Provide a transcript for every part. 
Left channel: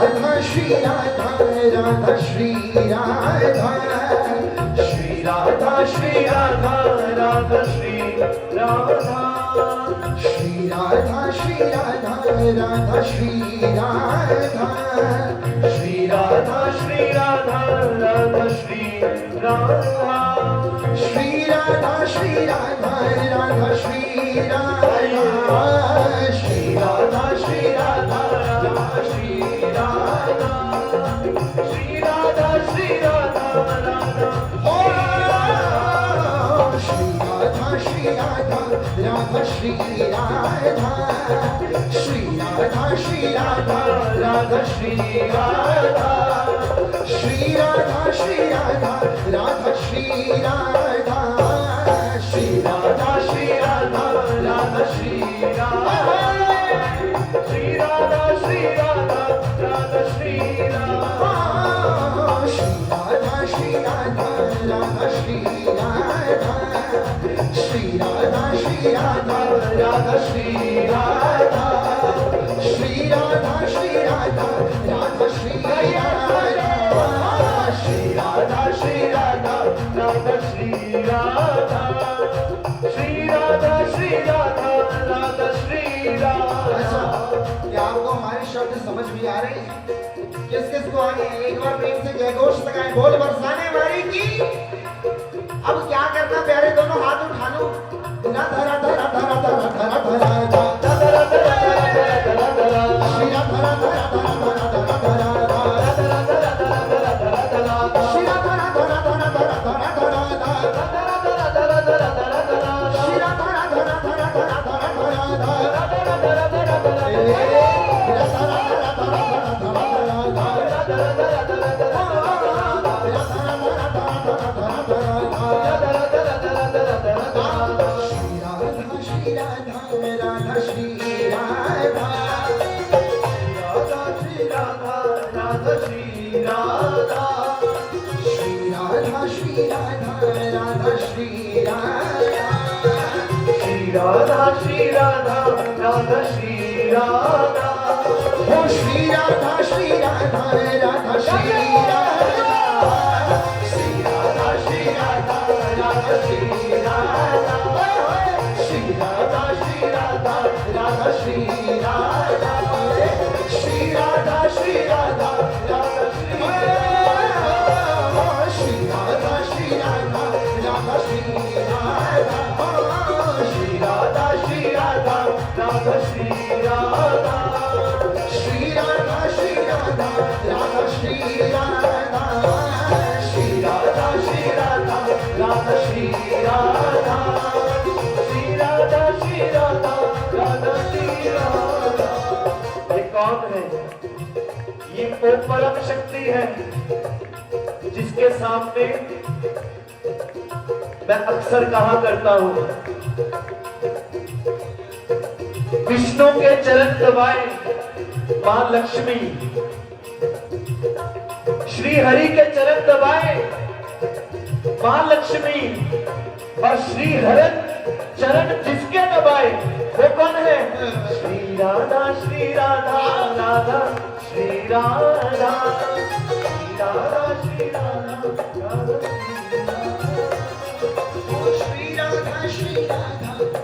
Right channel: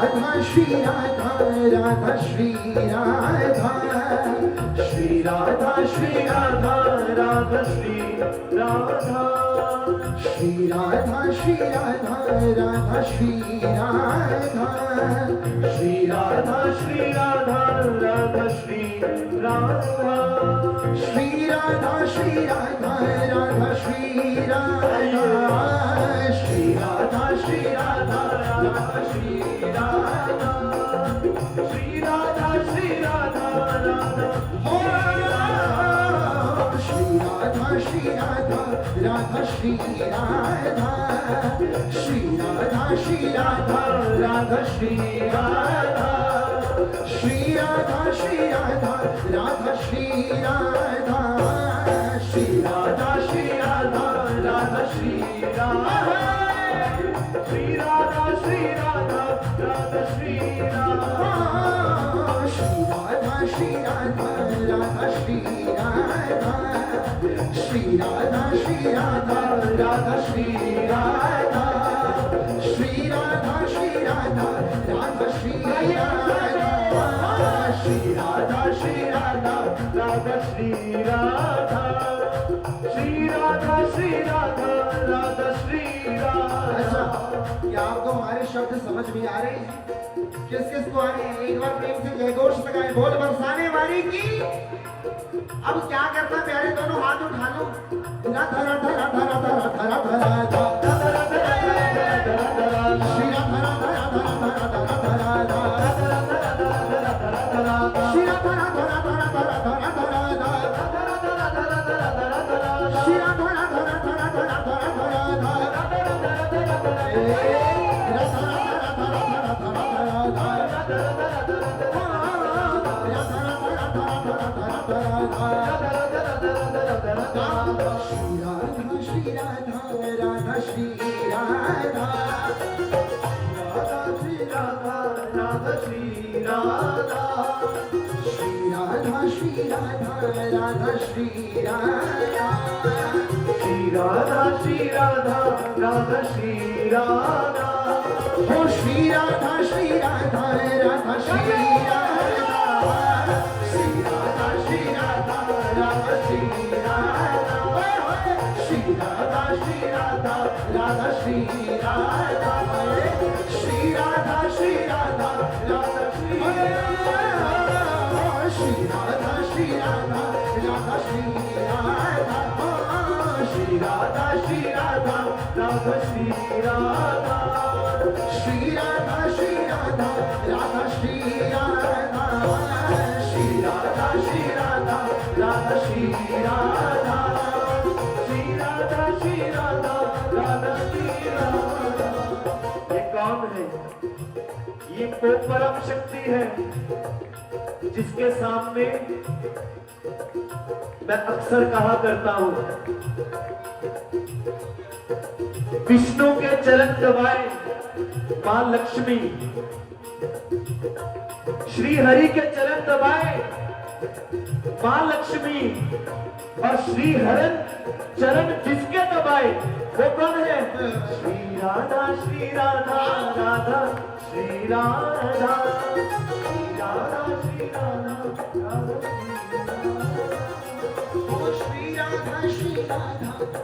राधा श्री राधा राधा श्री राधा श्री राधा श्री राधा राधा श्री राधा श्री राधा श्री राधा राधा श्री राधा श्री राधा श्री राधा राधा श्री राधा श्री राधा श्री राधा राधा श्री राधा श्री राधा श्री राधा राधा श्री राधा श्री राधा श्री राधा राधा हो श्री राधा श्री राधा राधा श्री राधा श्री राधा श्री राधा राधा श्री राधा श्री राधा श्री राधा राधा श्री राधा श्री राधा श्री राधा राधा श्री राधा श्री राधा श्री राधा राधा श्री राधा श्री राधा श्री राधा राधा श्री राधा श्री राधा श्री राधा राधा श्री राधा श्री राधा श्री राधा राधा श्री राधा श्री राधा श्री राधा राधा श्री राधा श्री राधा श्री राधा राधा श्री राधा। क्या आपको हमारे शब्द समझ भी आ रहे हैं? किस किस को आगे एक बार प्रेम से जय घोष लगाएं, बोल बरसाने वाली की। अब क्या करना प्यारे, दोनों हाथ उठा लो। धरा धरा धरा धरा धरा धरा धरा धरा धरा श्री राधा धरा धरा धरा धरा धरा श्री राधा धरा धरा धरा धरा धरा श्री राधा धरा धरा धरा धरा राधा श्री राधा राधा श्री राधा हो श्री राधा श्री राधा राधा श्री राधा श्री राधा श्री राधा राधा श्री राधा श्री राधा श्री राधा राधा श्री राधा श्री राधा श्री राधा राधा श्री राधा श्री राधा श्री राधा राधा श्री राधा श्री राधा श्री राधा राधा श्री राधा श्री राधा श्री राधा राधा श्री राधा श्री राधा श्री राधा राधा श्री राधा श्री राधा श्री राधा राधा श्री राधा। ये कौन है? ये वो परम शक्ति है जिसके सामने मैं अक्सर कहा करता हूं, विष्णु के चरण दबाए मां लक्ष्मी, श्री हरि के चरण दबाए मां लक्ष्मी, और श्री हरन चरण जिसके दबाए वो कौन है? श्री राधा श्री राधा राधा श्री राधा श्री राधा श्री राधा राधा श्री राधा श्री राधा राधा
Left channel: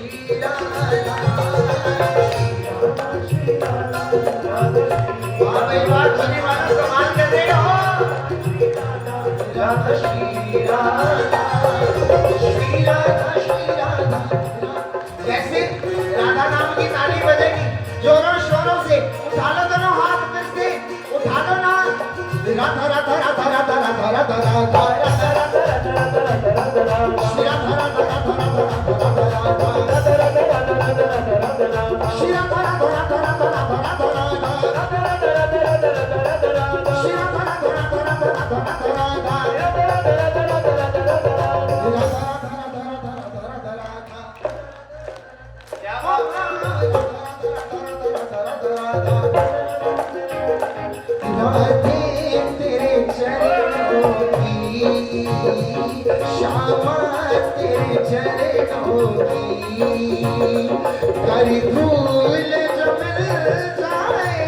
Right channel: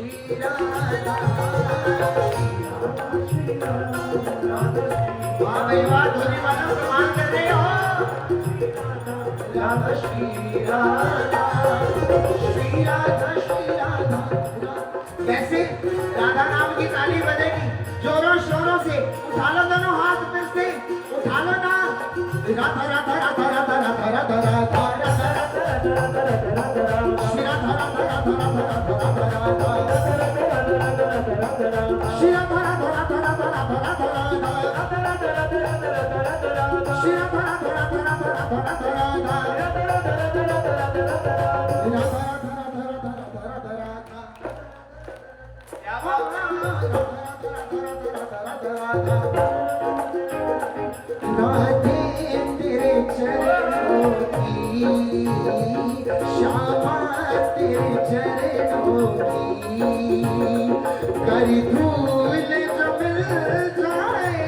श्री राधा श्री राधा राधा श्री राधा श्री राधा श्री राधा। कैसे राधा नाम की ताली बजेगी जोरों शोरों से, उठा लो दोनों हाथ फिर से, उठा लो ना। राधा राधा राधा राधा राधा राधा राधा श्री राधा राधा राधा राधा श्री राधा राधा राधा राधा श्री राधा राधा तेरे चरणों की श्यामा तेरे चरणों की कर धूल जब मिल जाए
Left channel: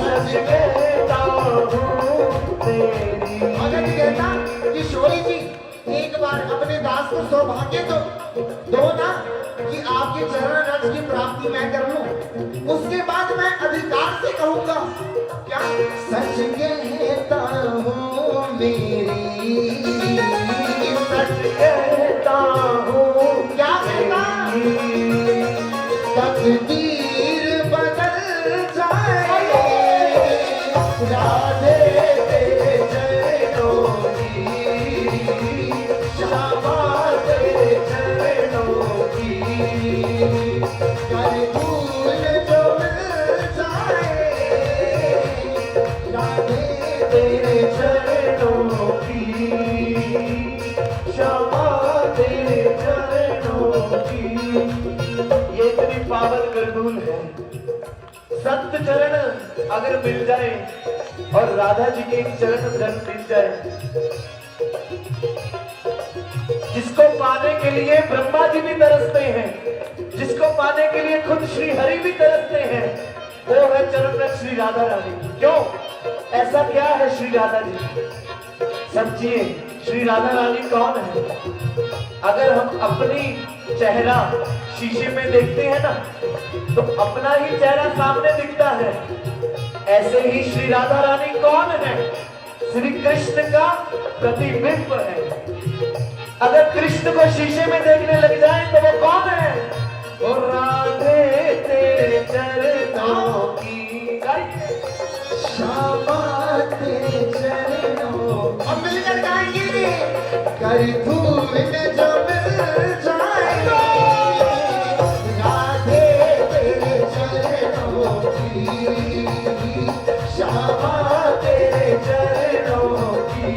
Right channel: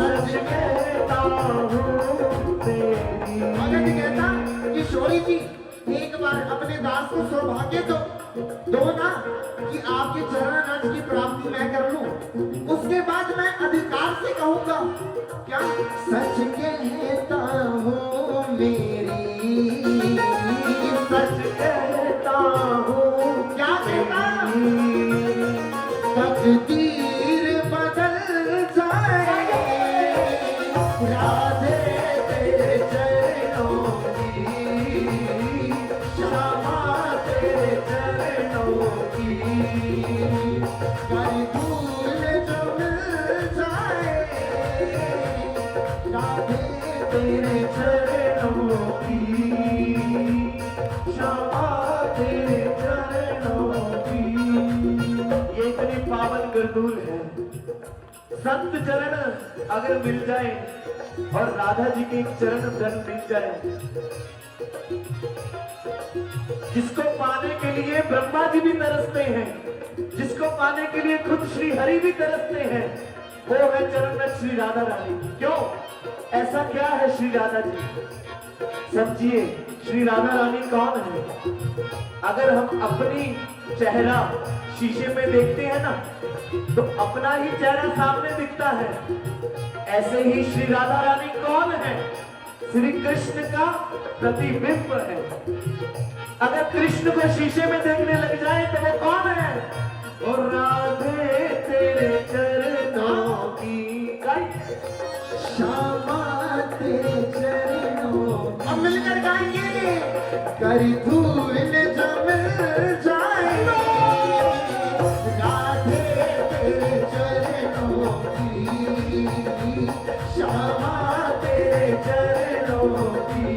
सच कहता हूँ तेरी। भगत कहता किशोरी जी एक बार अपने दास को सौभाग्य दो ना कि आपके चरण रज की प्राप्ति मैं कर लूं, उसके बाद मैं अधिकार से कहूंगा। क्या सच कहता हूँ मेरी, सच कहता हूँ क्या कहता तकदीर बदल जाए राधे तेरे चरणों की, श्यामा तेरे चरणों की, कर भूल जो मिल जाए राधे तेरे चरणों की, श्यामा तेरे चरणों की। ये इतनी पावन गंडूल है। संत चरण अगर मिल जाए और राधा जी के एक चरण धन मिल जाए, जिसको पाने के लिए ब्रह्मा जी भी तरसते हैं, जिसको पाने के लिए खुद श्री हरि भी तरसते हैं, वो है चरण श्री राधा रानी। क्यों ऐसा क्या है श्री राधा जी? समझिए श्री राधा रानी कौन है। अगर हम अपनी चेहरा शीशे में देखते हैं ना, तो अपना ही चेहरा सामने दिखता है। ऐसे ही श्री राधा रानी कौन है? श्री कृष्ण का प्रतिबिंब है। अगर कृष्ण को शीशे में देखने लग जाए तो वो कौन है? वो राधे तेरे चरणों की, श्यामा तेरे चरणों। हम मिलकर गाएंगे कर धूल जो मिल जाए राधे तेरे चरणों की, श्यामा तेरे चरणों की,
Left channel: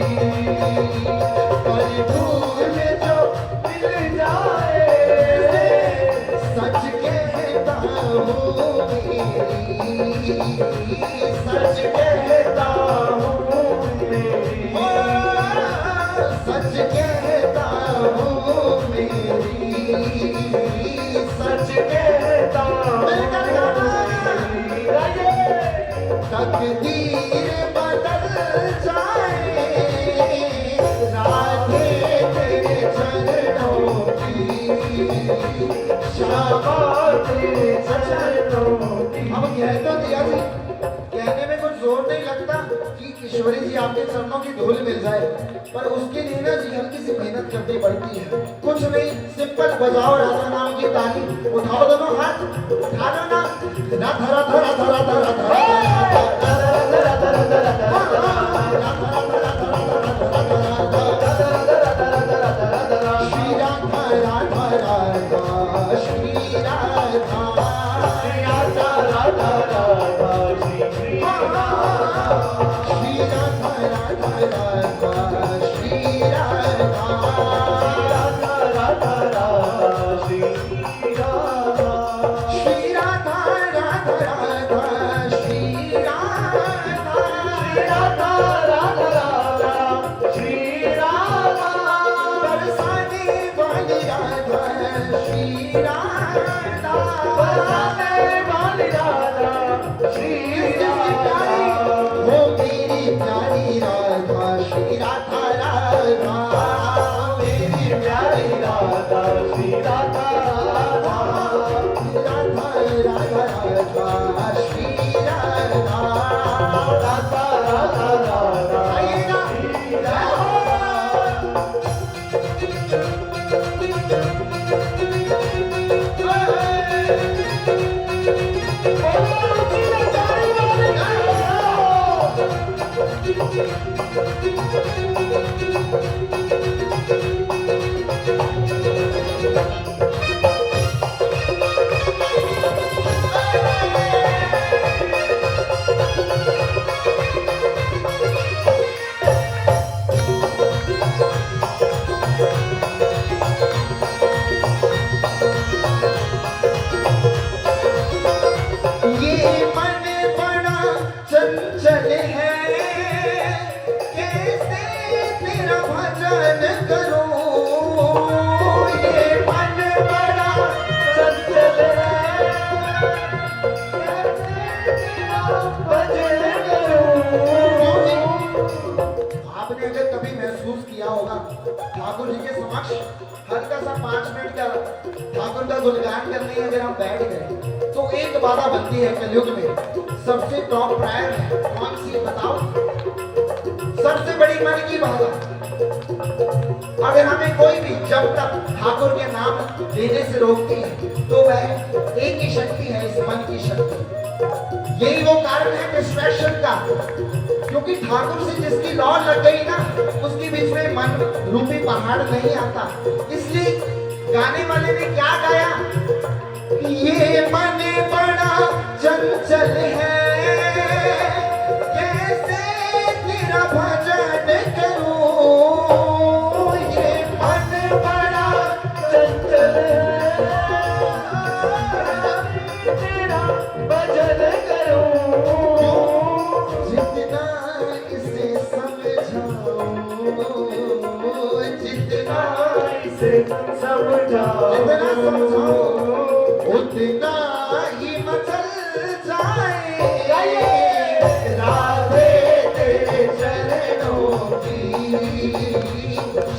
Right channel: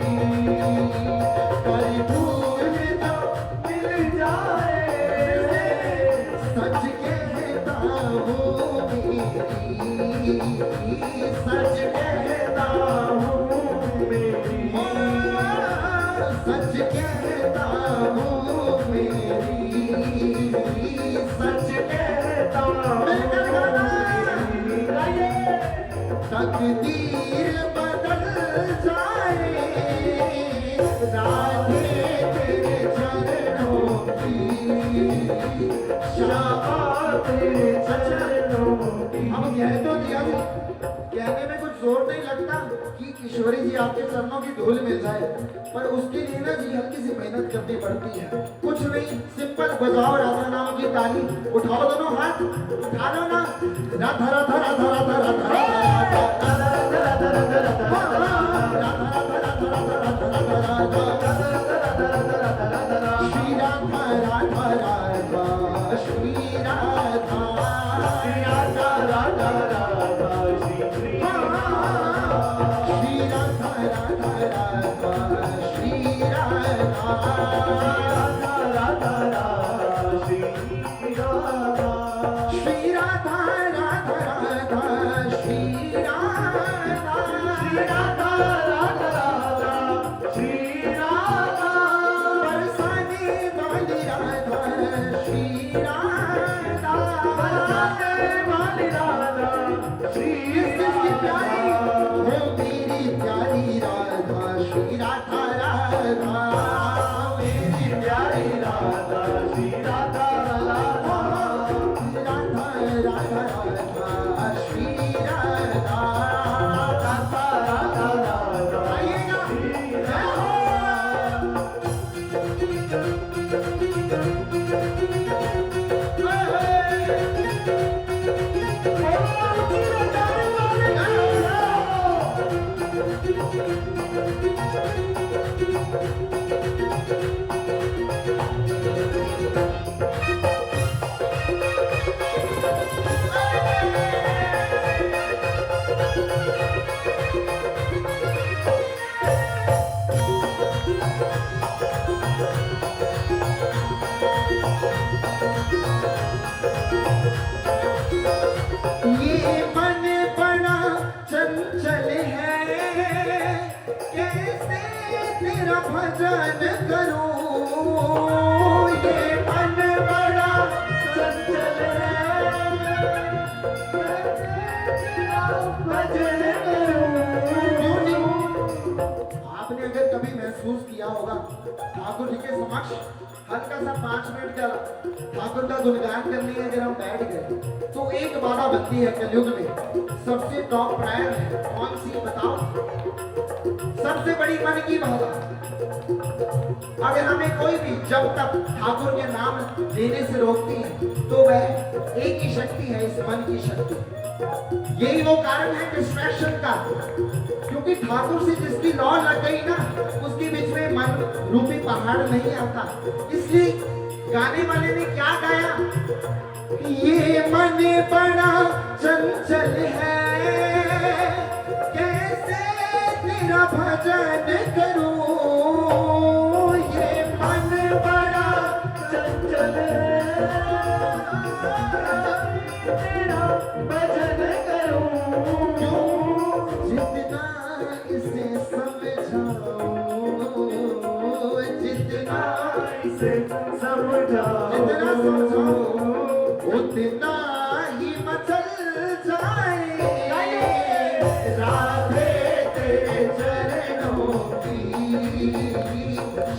कर धूल जो मिल जाए सच कहता हूँ मेरी, सच कहता हूँ मेरी, सच कहता हूँ मेरी, सच कहता हूँ मेरी। तकदीर बदल जाए राधे तेरे चरणों की, श्यामा तेरे चरणों की। अब कह तो दिया जी, कहने में कुछ जोर नहीं लगता कि किशोरी जी आपके चरणों की धूल मिल जाए, पर उसके लिए ना जी हल्की सी मेहनत करनी पड़ती है। कुछ नहीं, सिंपल बजाओ राधा नाम की ताली, उठाओ दोनों हाथ, उठा लो ना राधा राधा राधा राधा राधा श्री राधा राधा राधा श्री राधा राधा राधा राधा श्री राधा, श्री राधा राधा राधा श्री राधा राधा राधा राधा श्री राधा, श्री राधा राधा राधा श्री राधा, राधा राधा राधा श्री राधा, बरसाने वाली राधा श्री राधा, बरसाने वाली राधा श्री राधा, हो मेरी प्यारी राधा श्री राधा राधा, मेरी प्यारी राधा श्री राधा राधा, राधा राधा राधा श्री राधा, राधा राधा राधा आइएगा श्री राधा। ये मन बड़ा चंचल है, कैसे तेरा भजन ठाकुर जी के समक्ष हल्का सा 5 मिनट का ठाकुर का गुणगान करने अगर हम बैठ गए तो एक बाधा बनती है कलयुग में। सबसे टॉप प्रायर है कौन सी बताओ? सबसे बड़ी मन की बाधा। अगर हमें कोई भी जब तक ठाकुर के नाम लेने से रोकती है तो वह एक ही शक्ति है, इस मन की शक्ति। यही वो कारण है डिस्ट्रैक्शन का, क्योंकि ठाकुर से जिसकी लौ लग गई ना उसके बीच में मन रूपी पहाड़ नहीं आता। इसलिए गाने वाले ने क्या गाया? ये मन बड़ा चंचल है, कैसे तेरा भजन करूं? ये मन बड़ा चंचल है, तेरा भजन करूं। जितना इसे समझाओ, जितना इसे समझाओ, जितना समझाओ उतना ही मचल जाए। राधे तेरे चरणों की,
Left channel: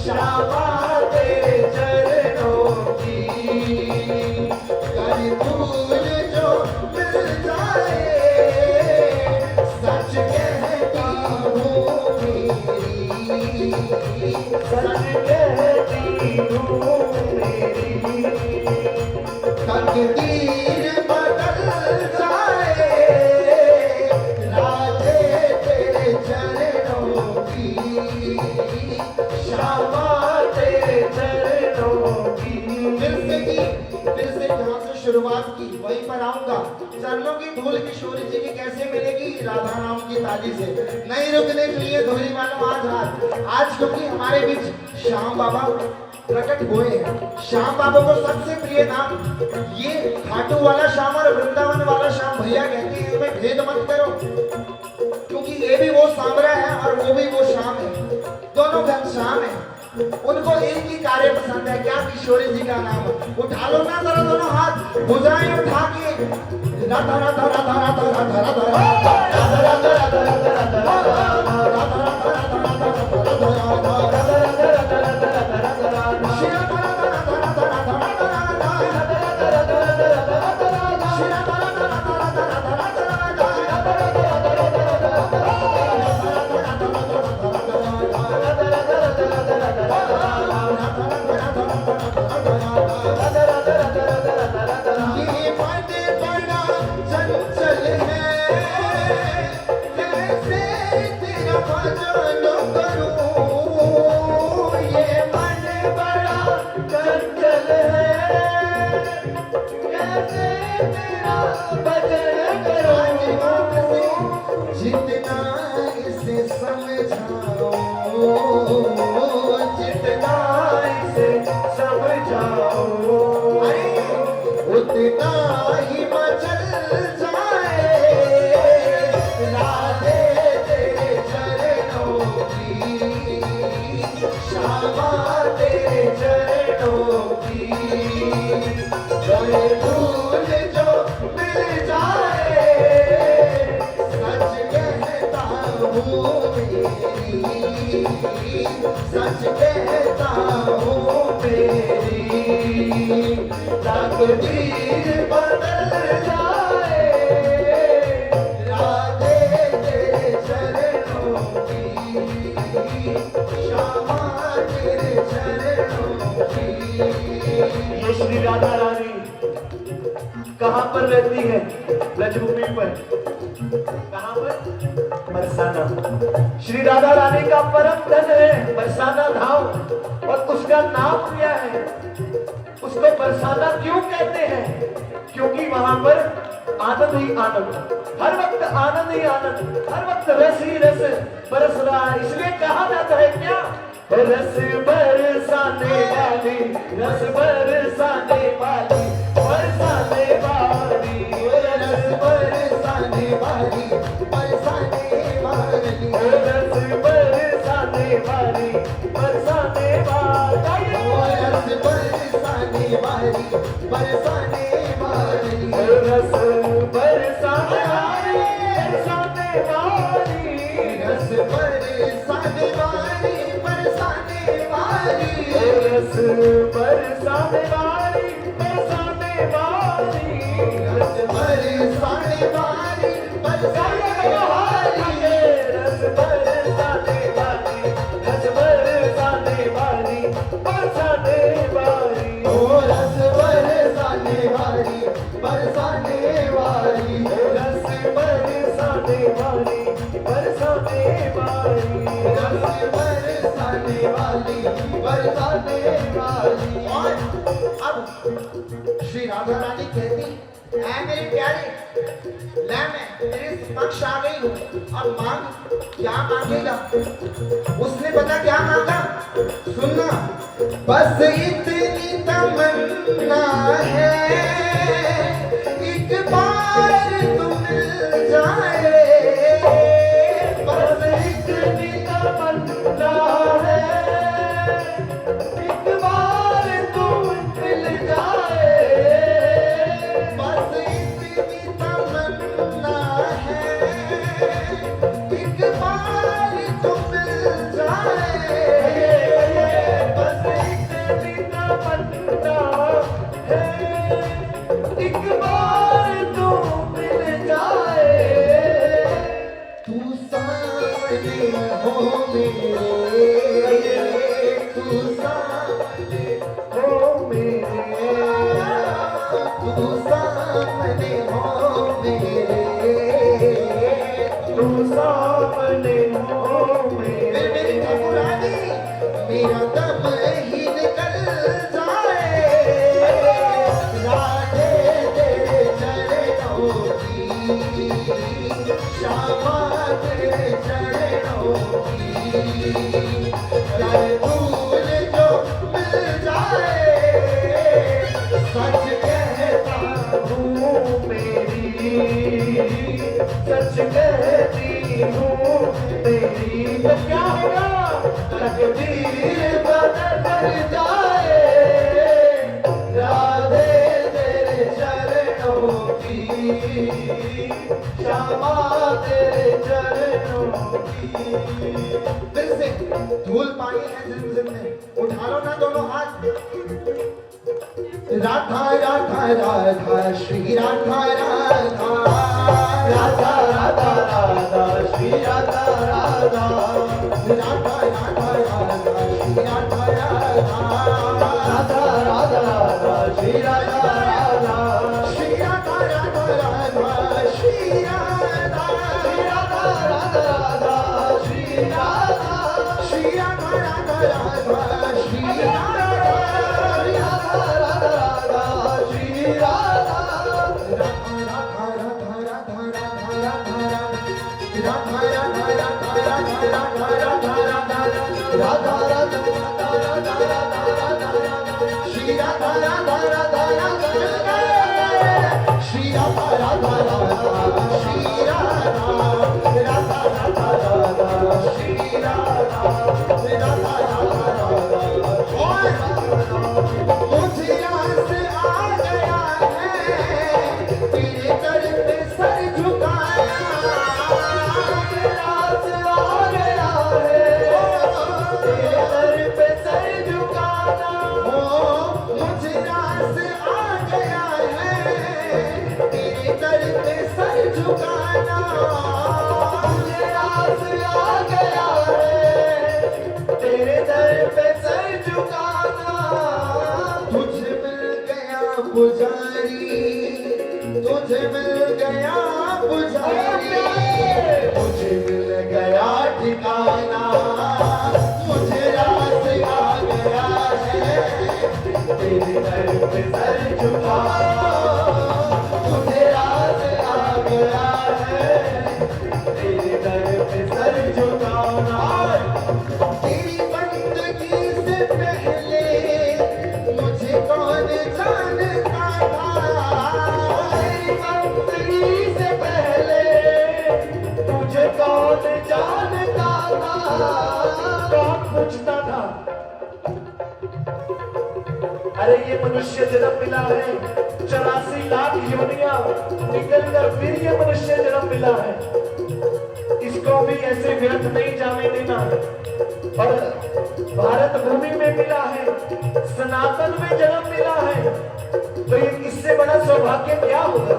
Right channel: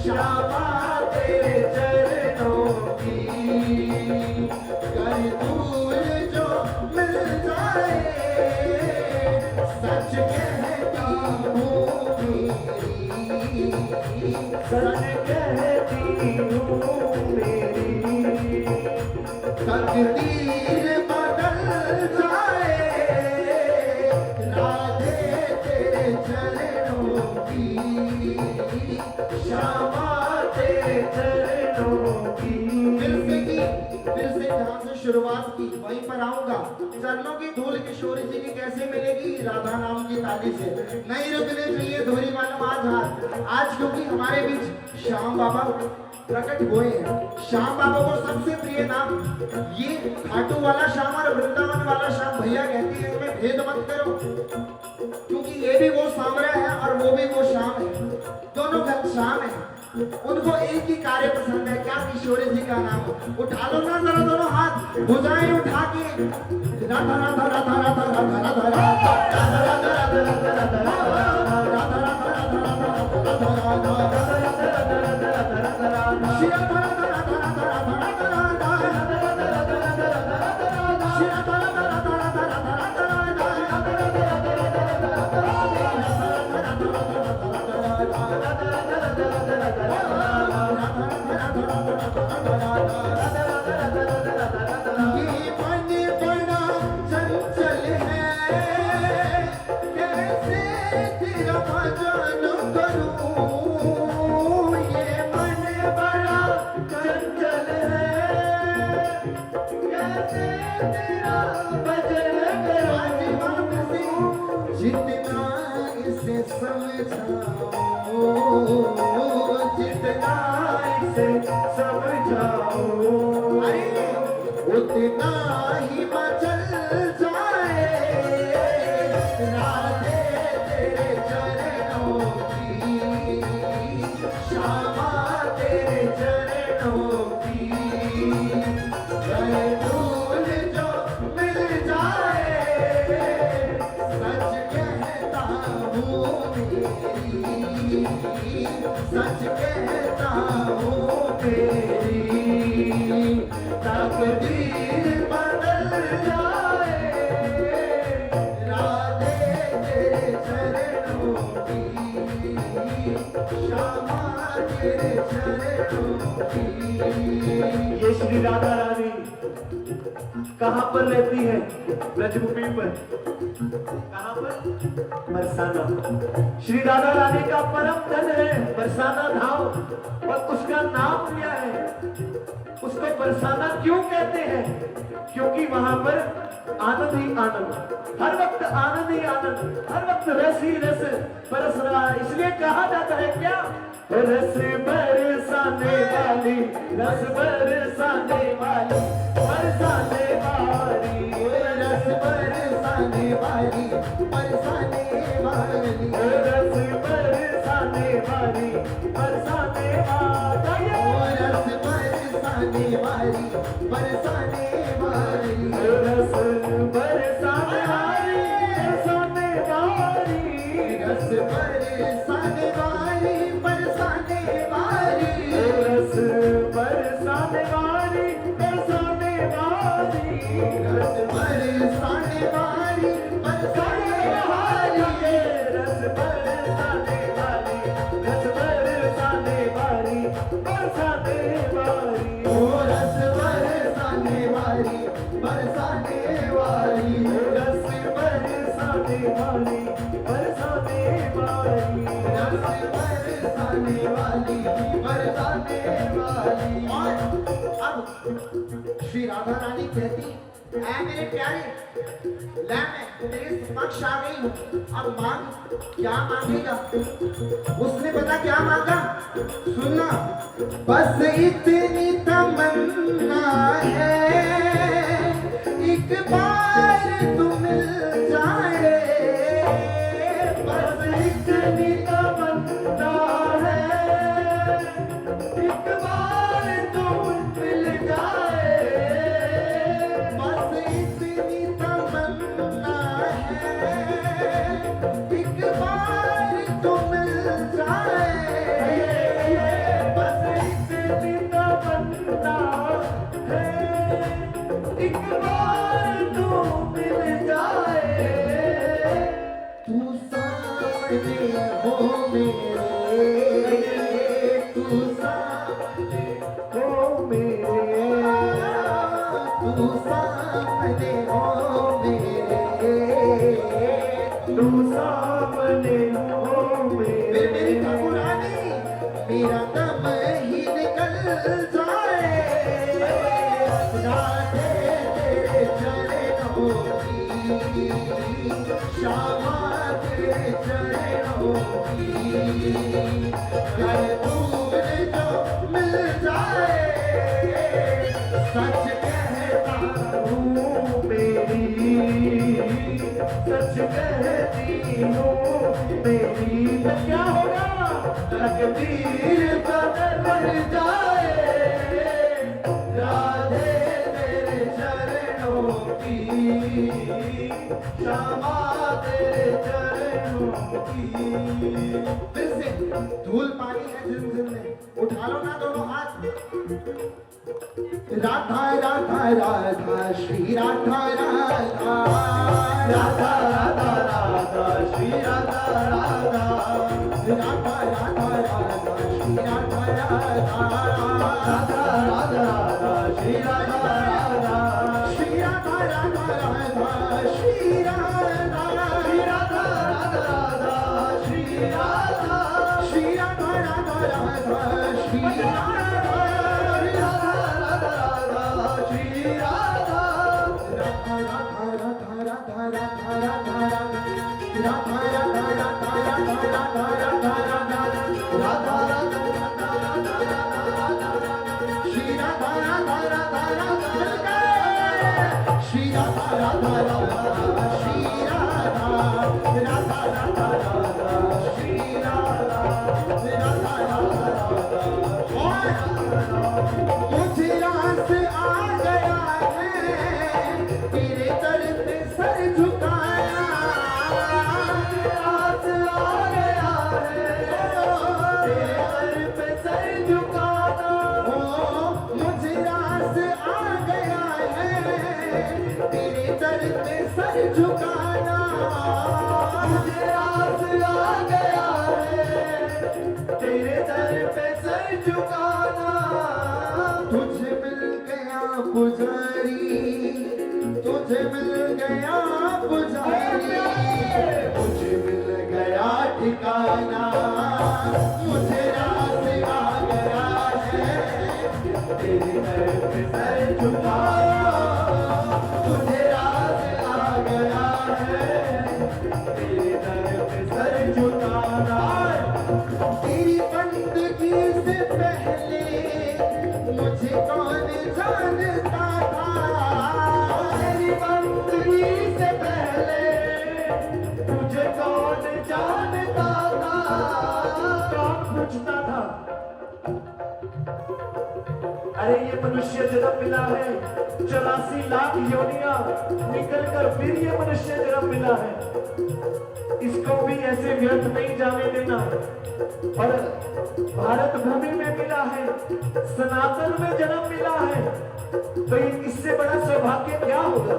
श्यामा तेरे चरणों की, कर धूल जो मिल जाए। सच कहती हूँ मेरी, सच कहती हूँ मेरी, तकदीर बदल जाए। राधे तेरे चरणों की, श्यामा तेरे चरणों की। फिर से जहाँ से शुरुआत की वहीं पर आऊंगा। चरणों की धूल किशोरी जी की कैसे मिलेगी? राधा नाम की ताली से। नहीं रुकने चाहिए धूली वालों आज हाथ। आज क्योंकि हमारे बीच श्याम बाबा प्रकट हुए हैं। श्याम बाबा को सबसे प्रिय नाम ये खाटू वाला श्याम और वृंदावन वाला श्याम भैया कहते हैं। इनमें भेद मत करो, क्योंकि ये भी वो सांवरा है और वो भी वो श्याम है, दोनों घनश्याम है। उनको एक ही कार्य पसंद है, क्या? किशोरी जी का नाम। उठा लो ना जरा दोनों हाथ, भुजाएं उठा के राधा राधा राधा राधा राधा राधा राधा राधा राधा राधा जितना इसे समझाओ, जितना इसे समझाओ, उतना ही मचल जाए। राधे तेरे चरणों की, श्यामा तेरे चरणों की, कर धूल जो मिल जाए। सच कहता हूँ मेरी, तकदीर बदल जाए। राधे तेरे चरणों की, श्यामा तेरे चरणों की। ये श्री राधा रानी कहाँ पर रहती है? ब्रजभूमि पर। कहाँ पर? बरसाना। श्री राधा रानी का परम धन है बरसाना धाम, और उसका नाम क्या है? उसको बरसाना क्यों कहते हैं? क्योंकि वहां पर आनंद ही आनंद, हर वक्त आनंद ही आनंद, हर वक्त रस ही रस बरस रहा है। इसलिए कहा जाता है क्या? रस बरसाने वाली, रस बरसाने वाली, बरसाने वाली, रस बरसाने वाली, बरसाने वाली, रस बरसाने वाली, बरसाने वाली, रस बरसाने वाली, बरसाने वाली, रस बरसाने वाली, बरसाने वाली, रस बरसाने वाली, बरसाने वाली। रस बरसाने वाली बरसाने वाली रस बरसाने वाली बरसाने वाली रस बरसाने वाली रस बरसाने वाली बरसाने वाली ओ रस बरसाने वाली बरसाने वाली रस बरसाने वाली बरसाने वाली रस बरसाने वाली बरसाने वाली। और अब श्री राधा रानी कहती ऐ मेरे प्यारे ले मैं तेरे समक्ष आ गई हूँ, अब मांग क्या मांगेगा। उसने पता क्या मांगा, सुनना। बस इतनी तमन्ना है एक बार तू मिल जाए, बस इतनी तमन्ना है एक बार तू मिल जाए बस इतनी तमन्ना है एक बार तू मिल जाए। बस इतनी तमन्ना है एक बार तू मिल जाए तू सामने हो मेरे, तू सामने हो मेरे तू सामने हो मेरे। तू सामने हो मेरी मेरे ठाकुरानी मेरा दम ही निकल जाए, राधे तेरे चरणों की श्यामा तेरे चरणों की जय फूल जो मिल जाए, सच कहता हूँ मेरी सच कहती हूँ मेरी तो क्या होगा तकदीर बदल जाए राधे तेरे चरणों की श्यामा तेरे चरणों की फिर से धूल पानी है जिम में, उठा लो ना दोनों हाथ। राधा राधा राधा श्री राधा राधा राधा राधा राधा श्री राधा राधा राधा राधा राधा श्री राधा राधा राधा राधा राधा श्री राधा राधा श्री राधा राधा राधा श्री राधा श्री राधा राधा राधा श्री राधा श्री राधा राधा राधा श्री राधा राधा राधा राधा श्री राधा मुझे याद आ गया है तेरे दर पे सर झुकाया, रात आ गया है तेरे दर पे सर झुकाना मुझे रास आ गया है तेरे दर पे सर झुकाना, मुझे रात आ गया है तेरे दर पे सर झुकाना तुझे मिल गया पुजारी, तुझे मिल गया पुजारी, मुझे मिल गया ठिकाना मुझे रास आ गया है तेरे दर पे सर झुकाना मुझे रात आ गया है तेरे दर पे सर झुकाना तेरी बंदगी से पहले मुझे कौन जानता था, तेरी बंदगी से पहले तुझे कौन जानता था कौन पूछता था अरे ये मनुष्य जन्म मिला है 84 लाख योनियां निकल कर फिर ये मनुष्य जन्म मिला है इसको भी ऐसे व्यर्थ नहीं जाने देना और भारत भूमि में मिला है, सनातन में जन्म मिला है, तो ये इससे बड़ा सौभाग्य क्या होगा?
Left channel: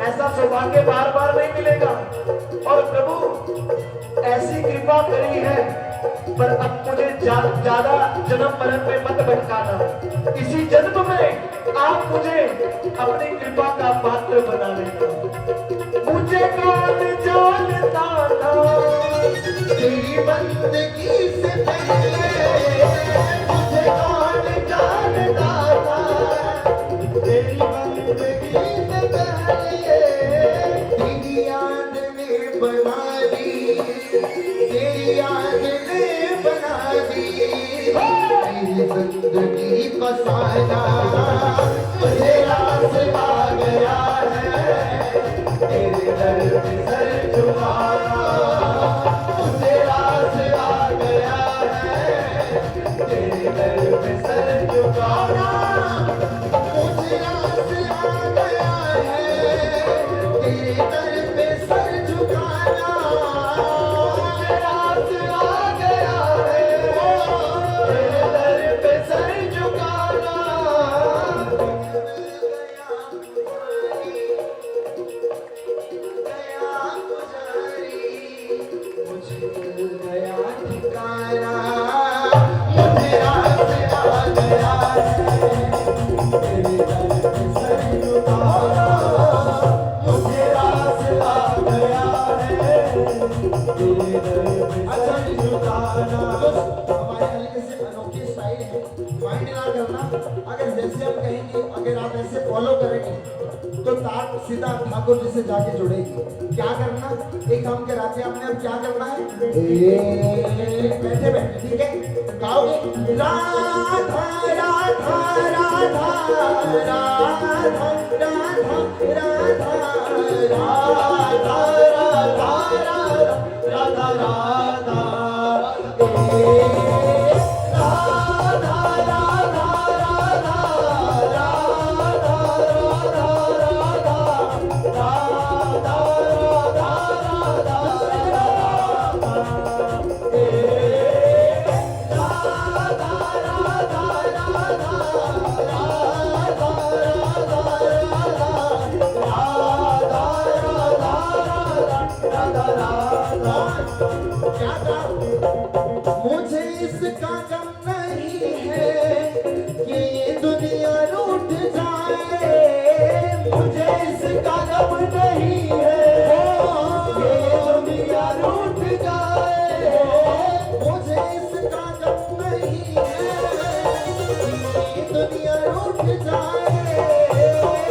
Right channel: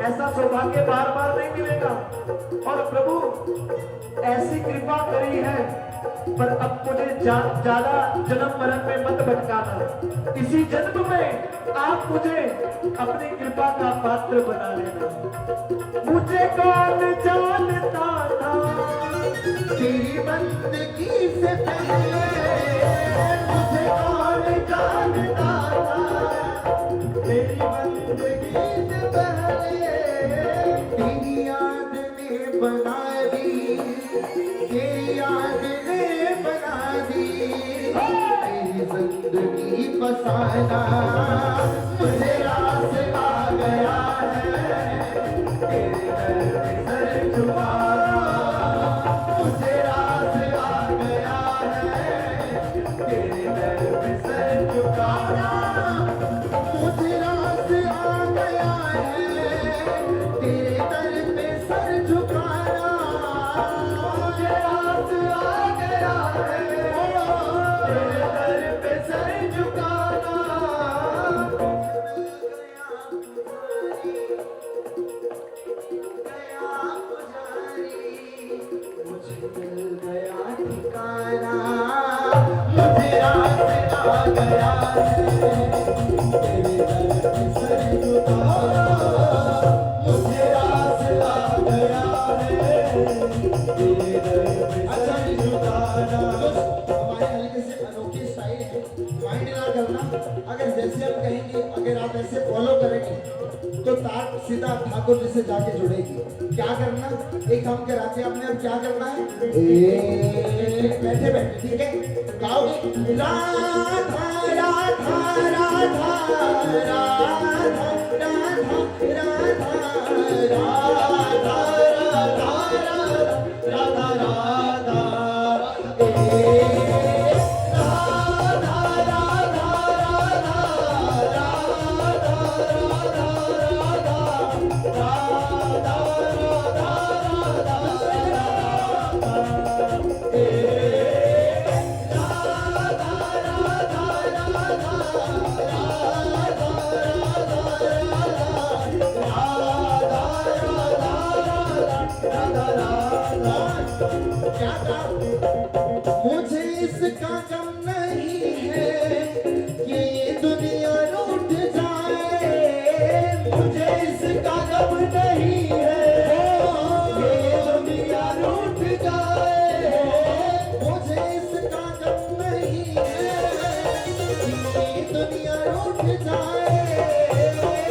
ऐसा सौभाग्य बार बार नहीं मिलेगा। और प्रभु ऐसी कृपा करी है, पर अब मुझे ज्यादा जन्म मरण में मत भटकाना। इसी जन्म में आप मुझे अपनी कृपा का पात्र बना लेना। मुझे कौन जानता था तेरी बंदगी से पहले, मुझे कौन जानता था तेरी बंदगी से पहले। तेरी याद ने बना दी, तेरी याद ने बना दी मेरी जिंदगी फसाना। मुझे रास आ गया है तेरे दर पे सर झुकाना। मुझे रास आ गया है तेरे दर पे सर झुकाना। मुझे रास आ गया है तेरे दर पे सर झुकाना। मुझे रास आ गया है तेरे दर पे सर झुकाना। मुझे मिल गया ठिकाना। मुझे रास आ गया है तेरे दर पे सर झुकाना। मुझे रास आ गया है तेरे दर पे सर झुकाना। हमारे हल्के से अनोखी स्टाइल है, माइंड ना करना। अगर जैसे हम कहेंगे, अगर आप ऐसे फॉलो करेंगे तो तार सीधा ठाकुर जी से जाके जुड़ेगी। क्या करना, एक काम कराते हैं आपने। अब क्या करना है, बैठे बैठे, ठीक है, गाओगे राधा राधा राधा राधा राधा राधा राधा राधा राधा मुझे इसका गम नहीं है कि ये दुनिया रूठ जाए। मुझे इसका गम नहीं है कि ये दुनिया रूठ जाए। मुझे इसका गम नहीं है कि ये दुनिया रूठ जाए।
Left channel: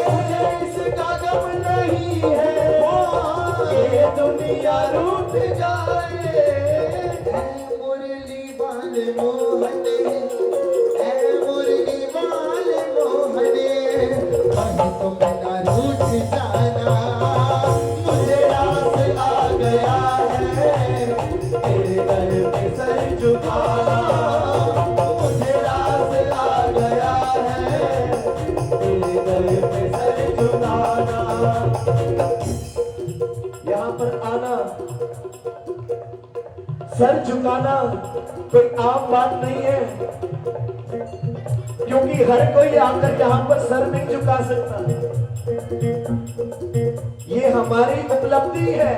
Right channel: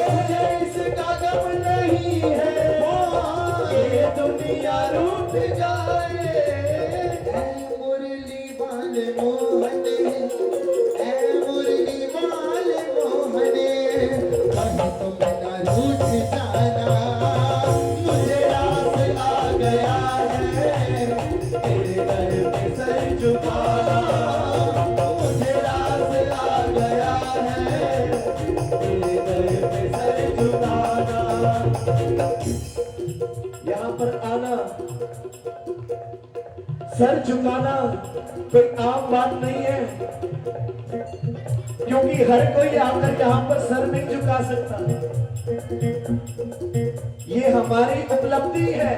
मुझे इसका गम नहीं है कि ये दुनिया रूठ जाए। मुरली बाल मोहने, ऐ मुरली बाल मोहने, वही तो मेरा रूठ जाना। मुझे रास आ गया है तेरे दर पे सर झुकाना। मुझे रास आ गया है तेरे दर पे सर झुकाना। यहाँ पर आना, सर झुकाना कोई आम बात नहीं है, क्योंकि हर कोई आकर यहाँ पर सर नहीं झुका सकता। ये हमारी उपलब्धि है,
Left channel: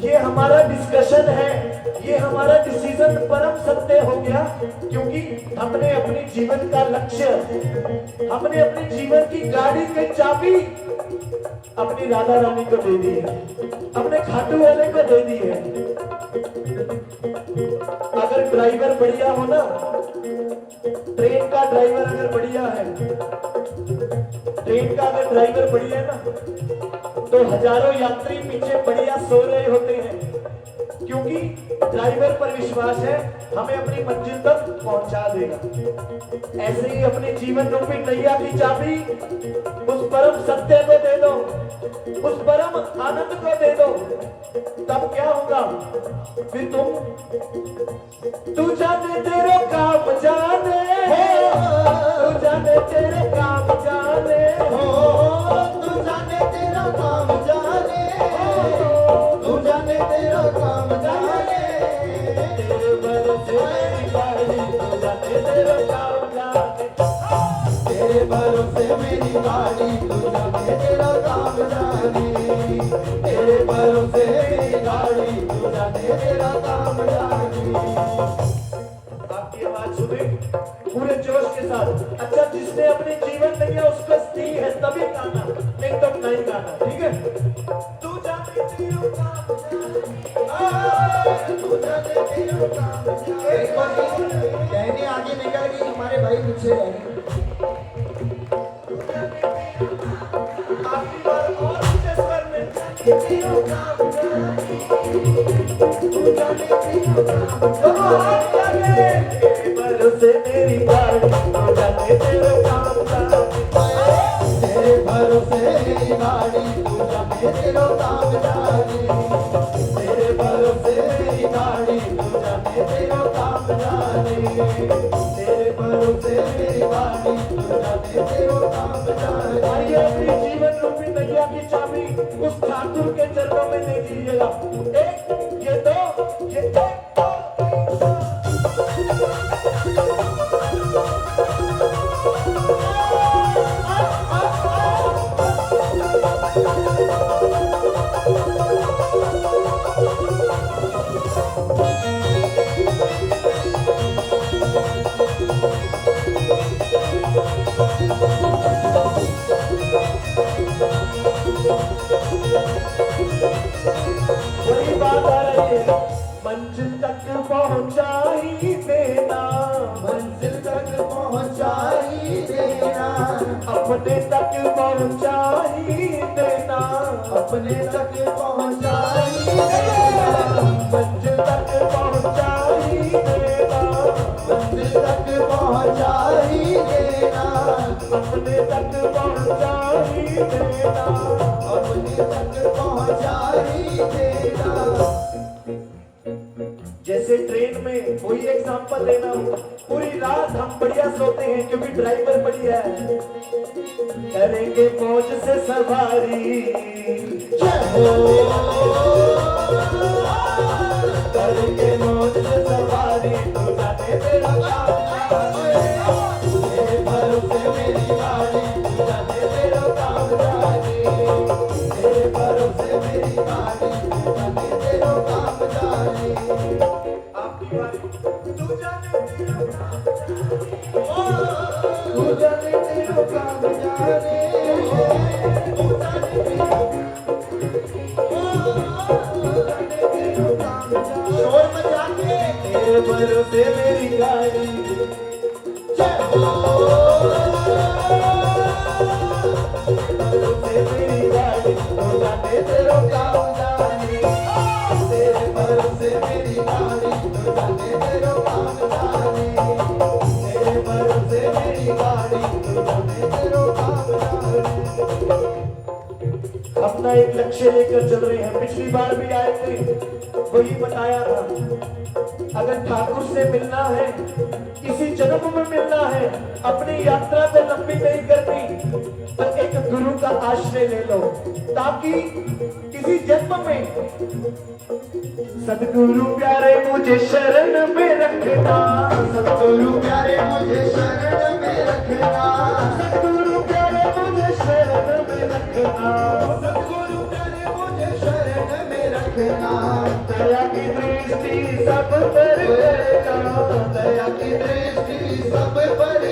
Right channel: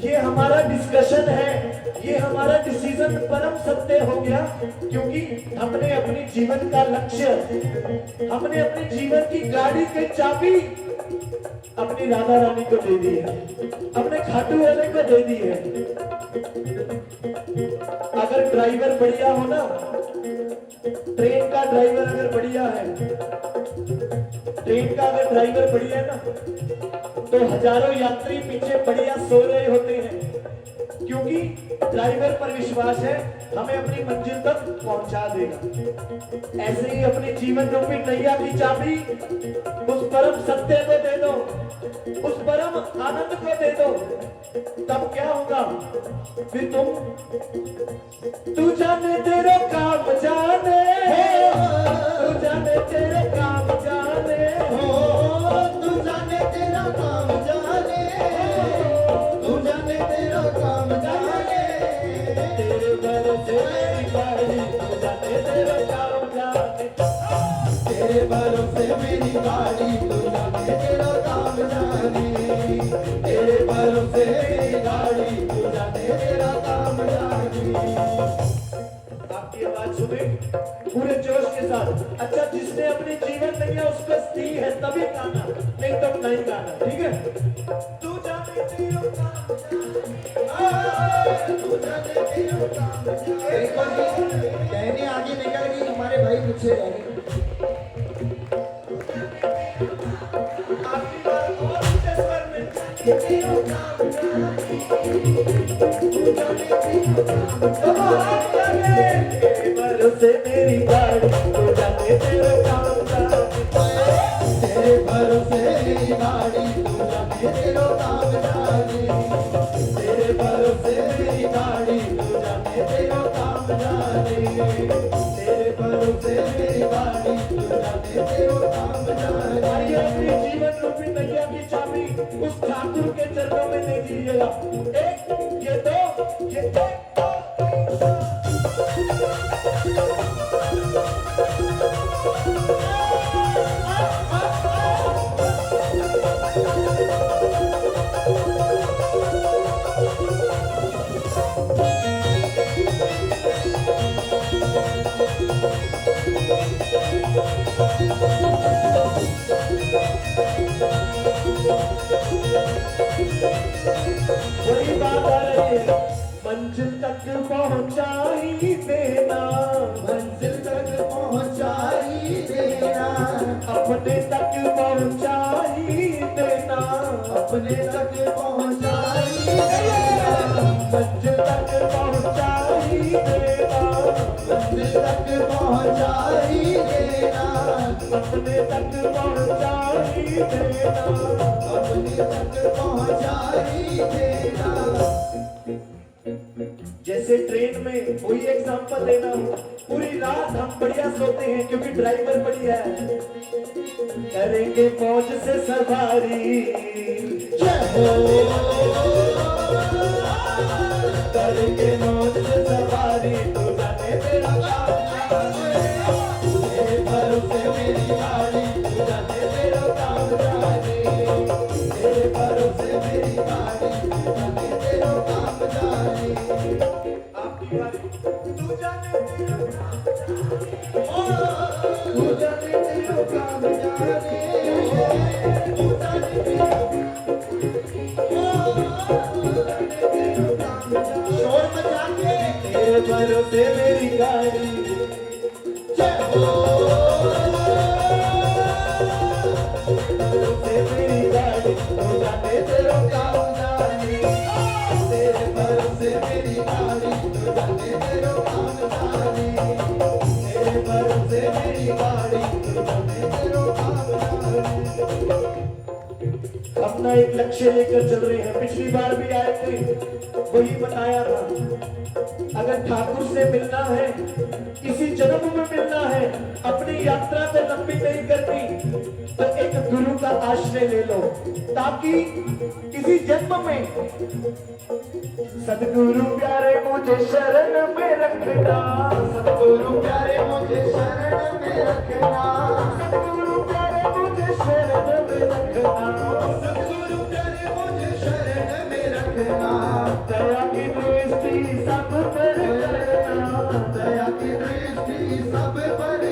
ये हमारा डिस्कशन है, ये हमारा डिसीजन परम सत्य हो गया, क्योंकि हमने अपने जीवन का लक्ष्य, हमने अपने जीवन की गाड़ी की चाबी अपनी राधा रानी को दे दी है, अपने खाटू वाले को दे दी है। अगर ड्राइवर बढ़िया हो ना, ट्रेन का ड्राइवर अगर बढ़िया है, ट्रेन का अगर ड्राइवर बढ़िया है ना, तो हजारों यात्री पीछे बढ़िया सो रहे होते हैं, क्योंकि ड्राइवर पर विश्वास है हमें अपनी मंजिल तक पहुंचा देगा। ऐसे ही अपने जीवन रूपी नैया की चाबी उस परम सत्य को दे दो, उस परम आनंद को दे दो, तब क्या होगा? फिर तू जाने तेरे काम जाने, तू जाने तेरे काम जाने, तू जाने तेरा काम जाने, तू जाने तेरा काम जाने, तेरे भरोसे तेरे भरोसे मेरी गाड़ी तू जाने तेरा काम जाने तेरे भरोसे मेरी गाड़ी तू जाने तेरा काम जाने आपकी आवाज सुने पूरे जोश के साथ। अच्छा, जिसने अपने जीवन नैया उसको दी है तभी गाना, नहीं तो नहीं गाना, ठीक है। तू जाने तेरा काम तू जाने तेरा काम जाने एक बार कहने आगे निकल गई हमारे भाई पीछे रह गए आपकी बात और ऊंचे स्वर में तेरा काम जाने तू जाने तेरा काम जाने तेरे भरोसे मेरी गाड़ी तू जाने तेरा काम जाने तेरे भरोसे मेरी गाड़ी तू जाने तेरा काम जाने तेरे भरोसे मेरी गाड़ी तू जाने तेरा काम जाने तेरे भरोसे मेरी गाड़ी तू जाने तेरा काम जाने आइए अपनी जीवन रूपी नैया की चाबी उस ठाकुर के चरणों में दे दीजिएगा। एक, ये दो, ये एक, दो, वही बात आ रही है, मंजिल तक पहुंचा ही देना, मंजिल तक पहुंचा ही देना अपने तक पहुंचा ही देना, अपने तक पहुंचा ही देना मंजिल तक पहुंचा ही देना, मंजिल तक पहुंचा ही देना अपने तक पहुंचा ही देना। अपने तक पहुंचा ही देना जैसे ट्रेन में कोई एग्जांपल लेना हो, पूरी रात हम बढ़िया सोते हैं क्योंकि ड्राइवर बढ़िया है, करेंगे मौज से सवारी, करेंगे मौज से सवारी, तू जाने तेरा काम जाने, तेरे भरोसे मेरी गाड़ी तू जाने तेरा काम जाने तेरे भरोसे मेरी गाड़ी तू जाने तेरा काम जाने आपकी बारी, तू जाने तेरा काम तू जाने तेरा काम जाने तू जाने तेरा काम जाने शोर मचा के तेरे भरोसे मेरी गाड़ी, भरोसे मेरी गाड़ी, तू जाने तेरा काम जाने, तेरे भरोसे मेरी गाड़ी तू जाने तेरा काम जाने तेरे भरोसे मेरी गाड़ी तू जाने तेरा काम जाने अपना एक लक्ष्य लेकर चल रहे हैं। पिछली बार भी आए थे, वही बताया था, अगर ठाकुर से मिलना है, इसी जन्म में मिलना है, अपनी यात्रा तो लंबी नहीं करनी, तो एक गुरु का आश्रय ले लो, ताकि किसी जन्म में सदगुरु प्यारे मुझे शरण में रखना, सतगुरु प्यारे मुझे शरण में रखना सदगुरु प्यारे मुझे शरण में रखना, सतगुरु प्यारे मुझे शरण में रखना दया की दृष्टि सब पर करना, दया की दृष्टि सब पर